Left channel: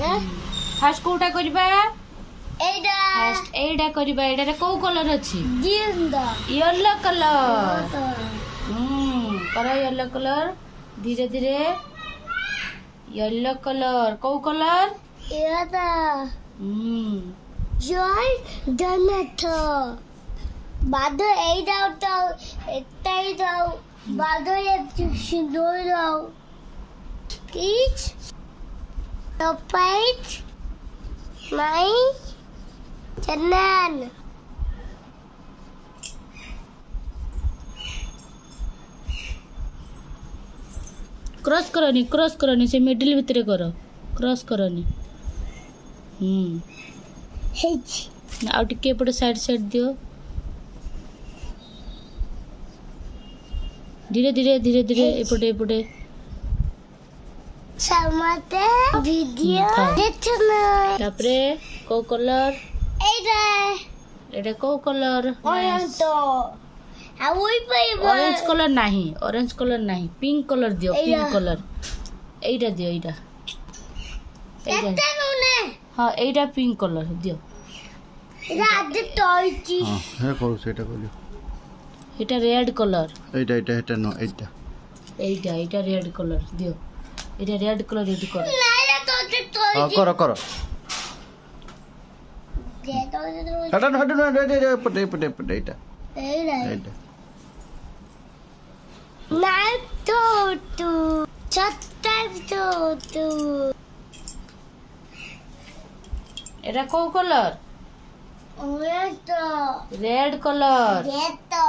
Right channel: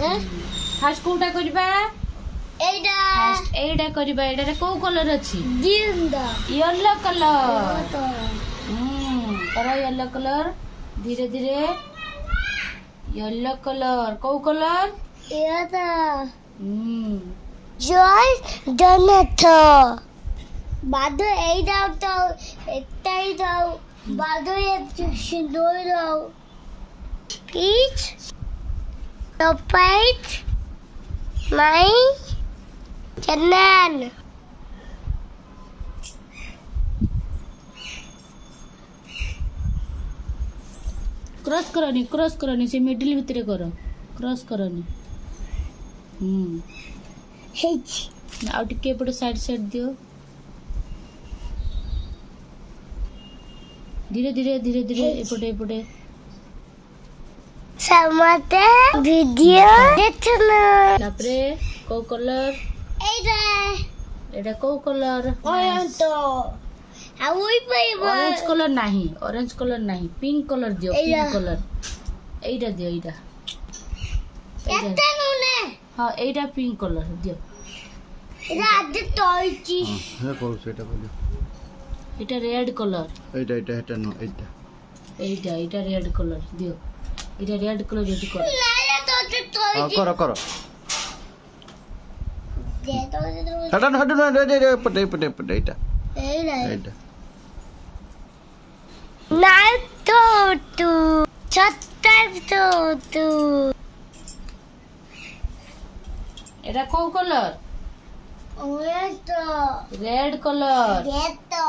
fast Kota करबा fast एडा करबा एडा रे को कलर अछि येलो कलर करो येलो कलर धीरे धीरे येलो कलर को कलर जॉय डोनेटो बादो एडा तो एटाई दाओ बादो ये सिंदूर दाओ पीच टॉपाइट माई चन्नन क्रॉस करनी से मिडिल भीतर करो क्रॉस करनी आ टिके एपटे साइड साइड दियो धीरे धीरे धीरे धीरे एपटे एपटे समते वीडियो देखना तापरे को कलर एडा को कलर ऑरेंज तो आ वही पाइबा ऑरेंज कलर नहीं पिंक कलर दियो पिंक कलर एडा दियो एडा एटा नने हां एडा पिंक कलर दियो एडा आदे तोइची हे करू सेटा करू एटा रेड कलर एटा नो एटा रेड कलर दियो एटा रेड कलर ये करो ना तो तोइची करो दे तो हटो पटे एटा ना तो तू एटा को कलर ऑरेंज तो रेड कलर ये तो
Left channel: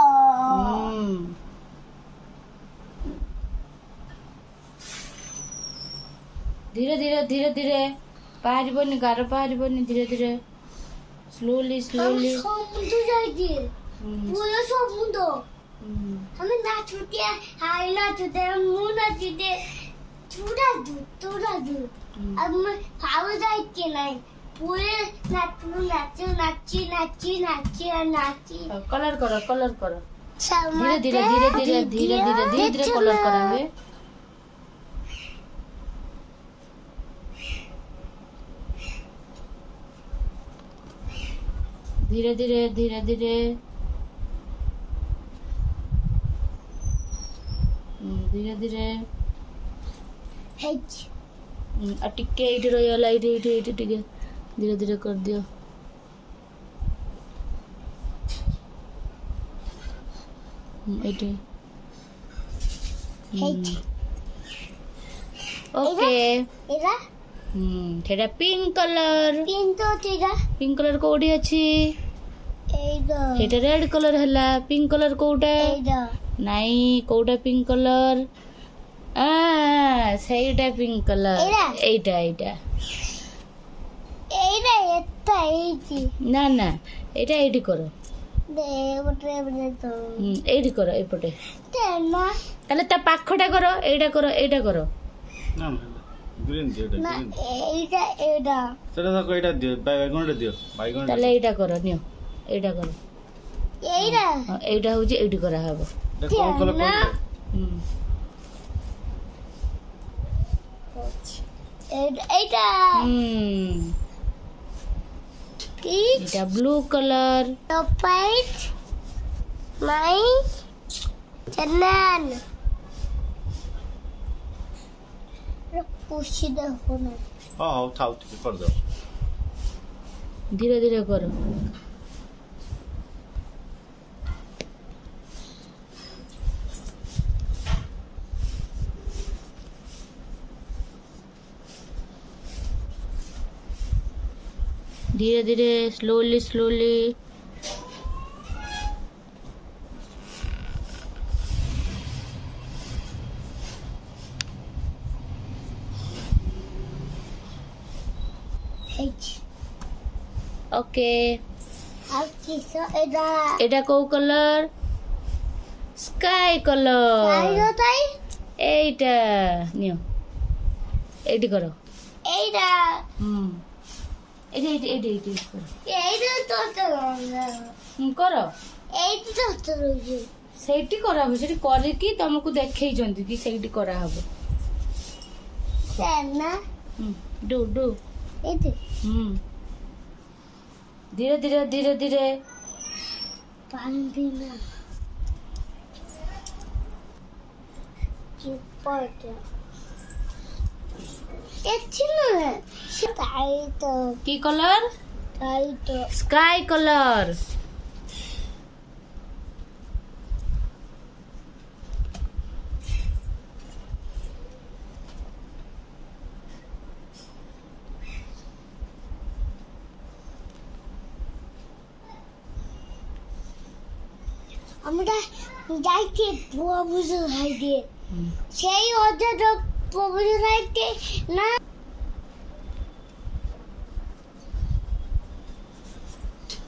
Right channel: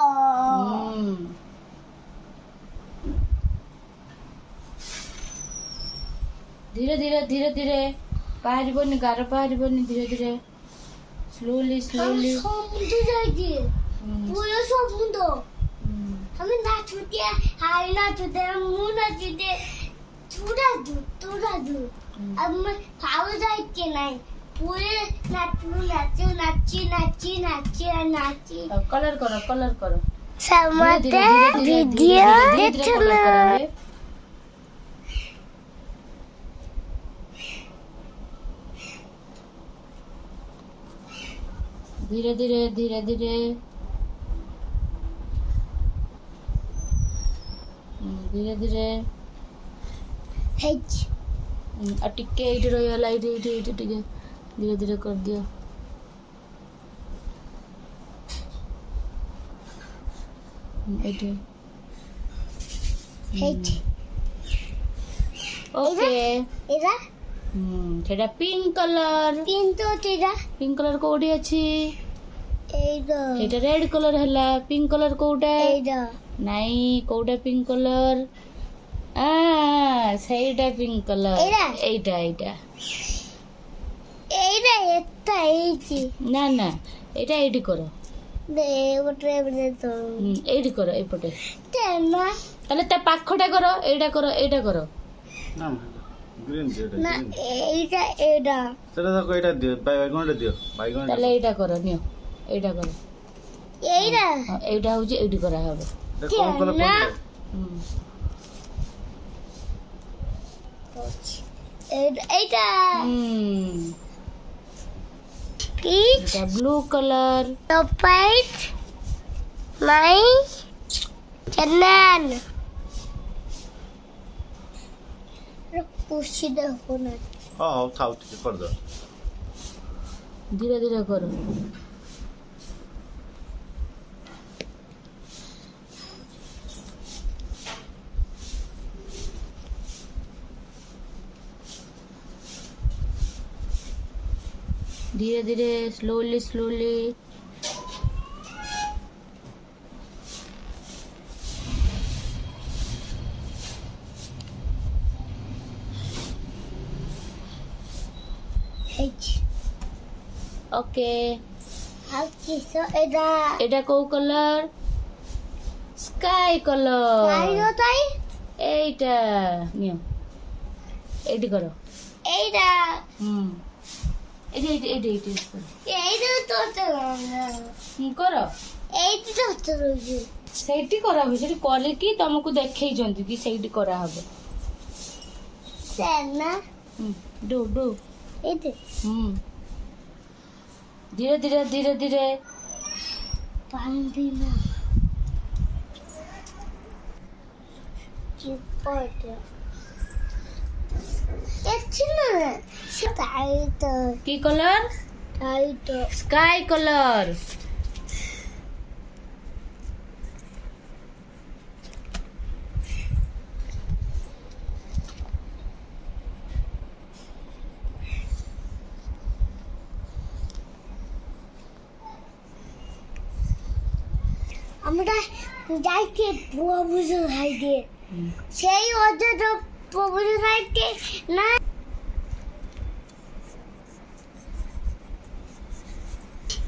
धीरे धीरे धीरे धीरे पाहरिबनी गार पाहरिबनी धीरे धीरे स्लोली समुद्र जाएगी पूरा समुद्र हमें ना छूटे हाय ना छूटे मुंह ना छूटे थोड़ा दूर अब मैं खाओ जाए के नहीं पूरे नाची कलर करो समझते धीरे कलर करेंगे धीरे धीरे टिके एठी रहिला एठी टिके धीरे धीरे कर दियो एठी ओके एरा ठेडा पिंक कलर पिंक कलर कोडी अछि एटा रेड कलर हला पिंक कलर कोडा नहीं कोडा पिंक कलर सेटा पिंक कलर एटा ना एटा एठी करो एठी करो एपटे ताले ता पाखटा करो एटा करो ना ग्रीन ना एटा चलो को एटा दियो बाइगन ताले एटा करो नियो एटा करो एटा होजी एठी करा हबो कौन कलर एटा पीच ब्लू कलर टॉपाइट माई चन्नन पुशी दे होना हां थाउ कर दो धीरे धीरे करो धीरे धीरे स्लोली ओके एटा को कलर स्काई कलर एटा नियो एटी करो एटा एटी करो ସେଇଠି କରାହବ ସେଠି କରିକି ତମକୁ ଦେଖେଇଛନ୍ତି କି ସେଇଠି କରାହବ ସେନା ଡୁ धीरे धीरे धीरे धीरे पानी पीना की कलर स्काई कलर আমরা যাইতে প্রভুজ হাইতে সেই অর্ধ প্রভুজ হাইতে না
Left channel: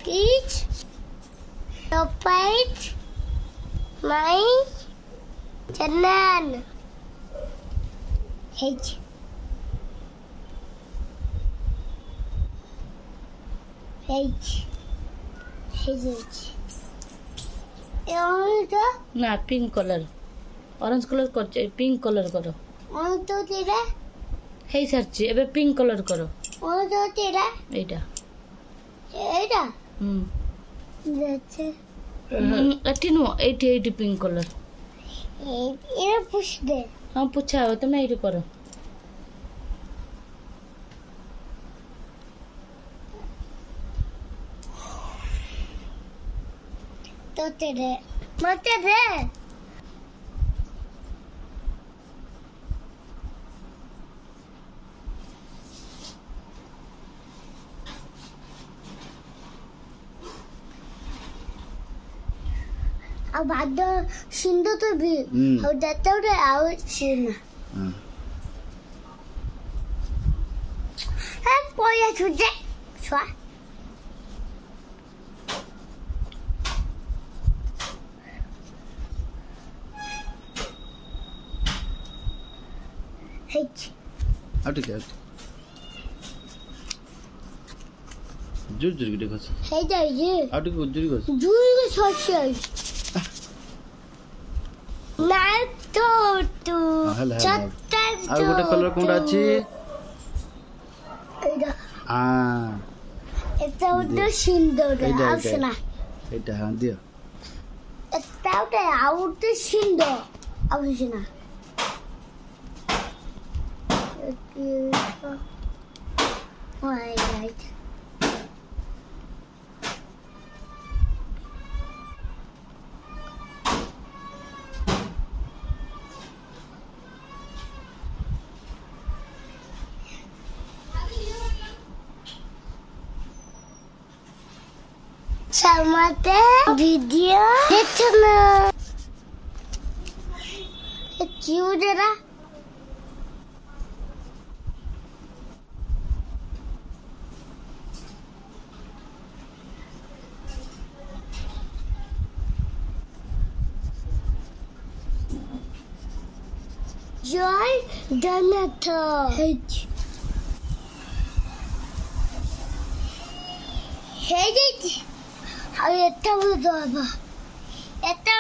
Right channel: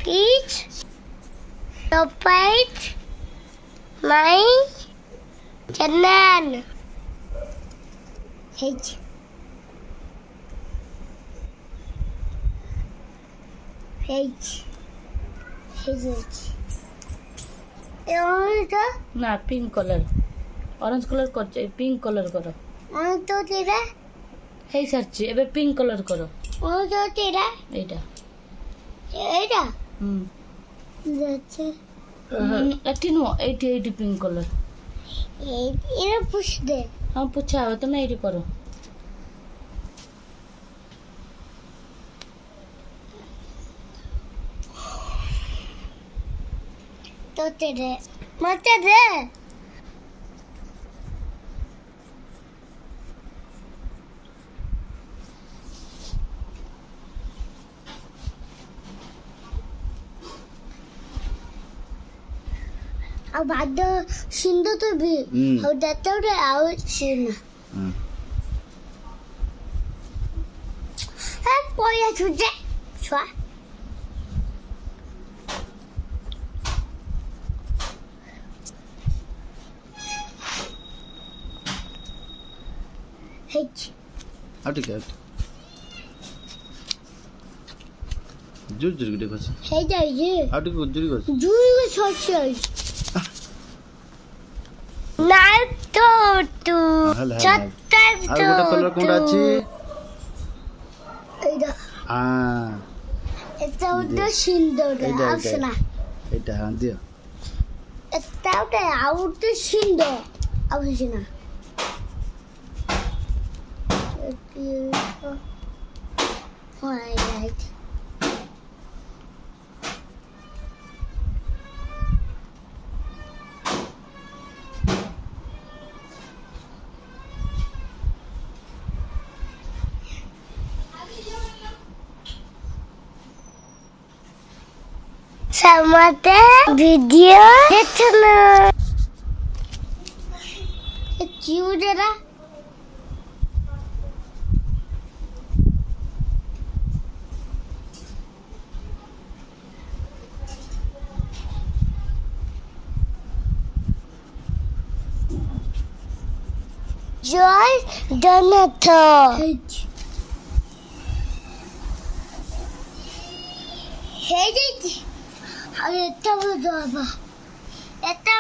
পিচ টপাইট মাই জানান হেজ হেজ হেজ ना पिंक कलर ऑरेंज कलर कर पिंक कलर करो तो तेरा हे सरची एबे पिंक कलर करो तो तेरा एटा যাচ্ছে এটি নো এটি পিঙ্ক কলর এরা পুশ দে হ্যাঁ পুছা হবে তুমি এটি করো তো তেরে মতে দে अब बाद सिंधु तो भी और दत्ता उड़े आओ सीना है पोया छुजे छुआ हेच आटे क्या जुर जुर के देखो हे जाइए आटे को जुर को जुई सोच ना तो तू चत्ता আর গোটা কালার কোনটা আছে এইটা এটা ওটা সুন্দর আসনা এটা হ্যাঁ দিও এটা ওটা আউট সুন্দর আসনা right Samate video দেখনা এ কিউডেরা জয় ডনাথ হেই এটা বলো বাবা এটা